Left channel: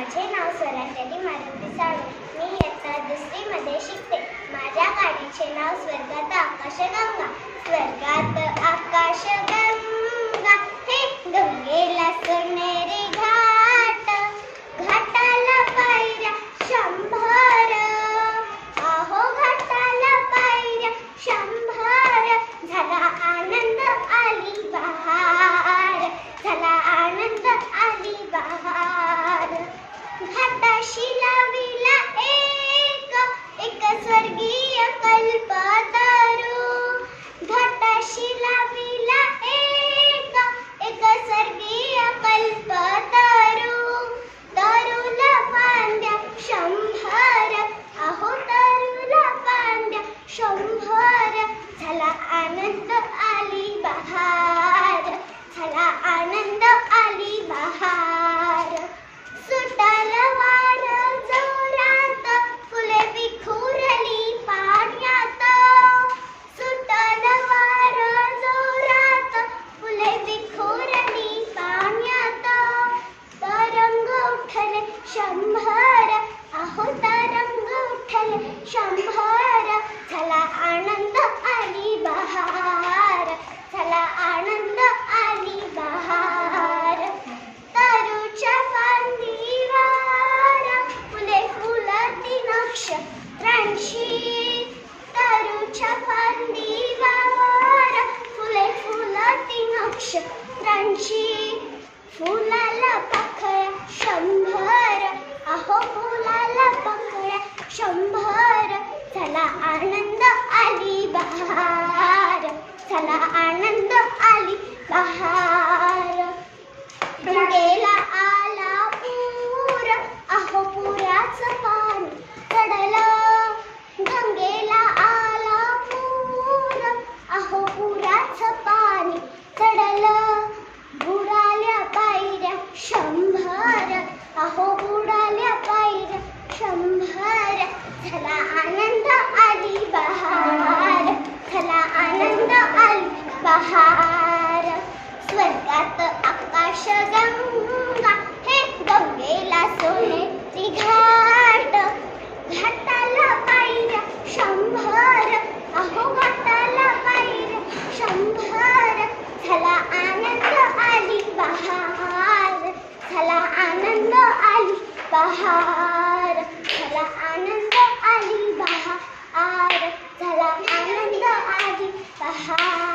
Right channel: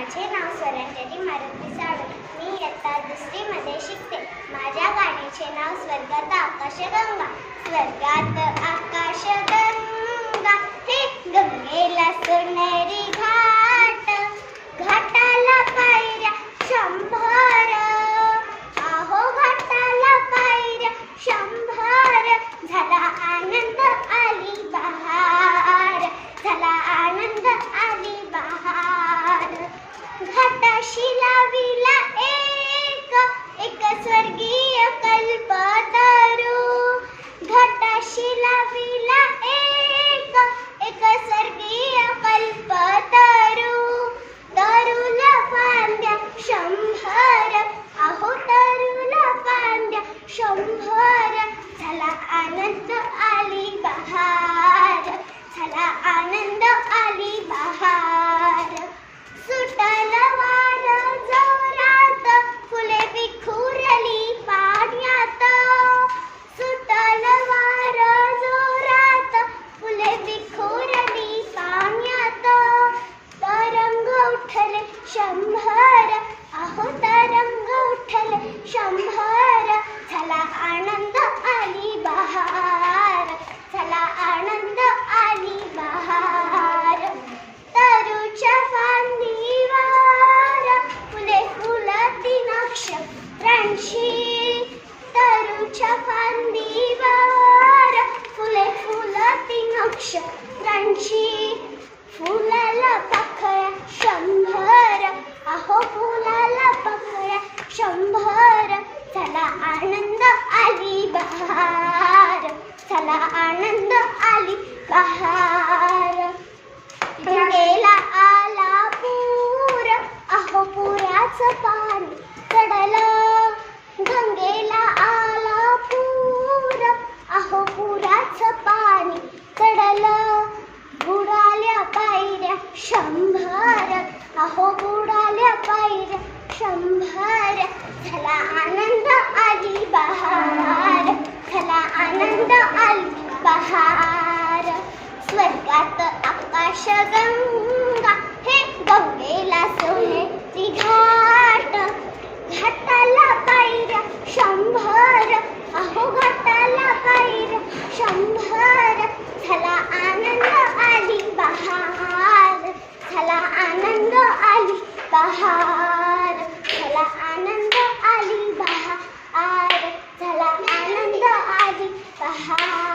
माझे नाव स्वरांजली मारुती साळवे मी इयत्ता दुसरीमध्ये शिकते. माझ्या गाडीचे नाव स्वर्गात आकाशगंगा. स्वर्गात आकाशगंगा. আসি शंभर आहोता रंग उठल शंभर. झाला आनंद आली बहार झाला आनंद आली बहार. तरुच्या फांदीवर फुले फुलती नक्षत्रांशी. तरुच्या फांदीवर फुले फुलती नक्षत्रांशी. फुला पाकळ्या शंभर अहो फुलाला पाकळ्या शंभर चला आनंद आली बहार चला आनंद आली बहार कडेला आला पूर अहो पुराचं पाणी चढलं. गंगेला आला पूर अहो पुराचं पाणी चढलं. बुडाल्या पायऱ्या शंभर अहो बुडाल्या पायऱ्या शंभर. झाला आनंद आली बहार झाला आनंद आली बहार स्वर्गात आकाश गंगा हे गंगेला सोने घाट. घाटाला पायर शंभर. अहो घाटाला पायर शंभर. झाला आनंद आली बहार. झाला आनंद आली बहार. झाला आनंद आली बहार. झाला आनंद आली बहार.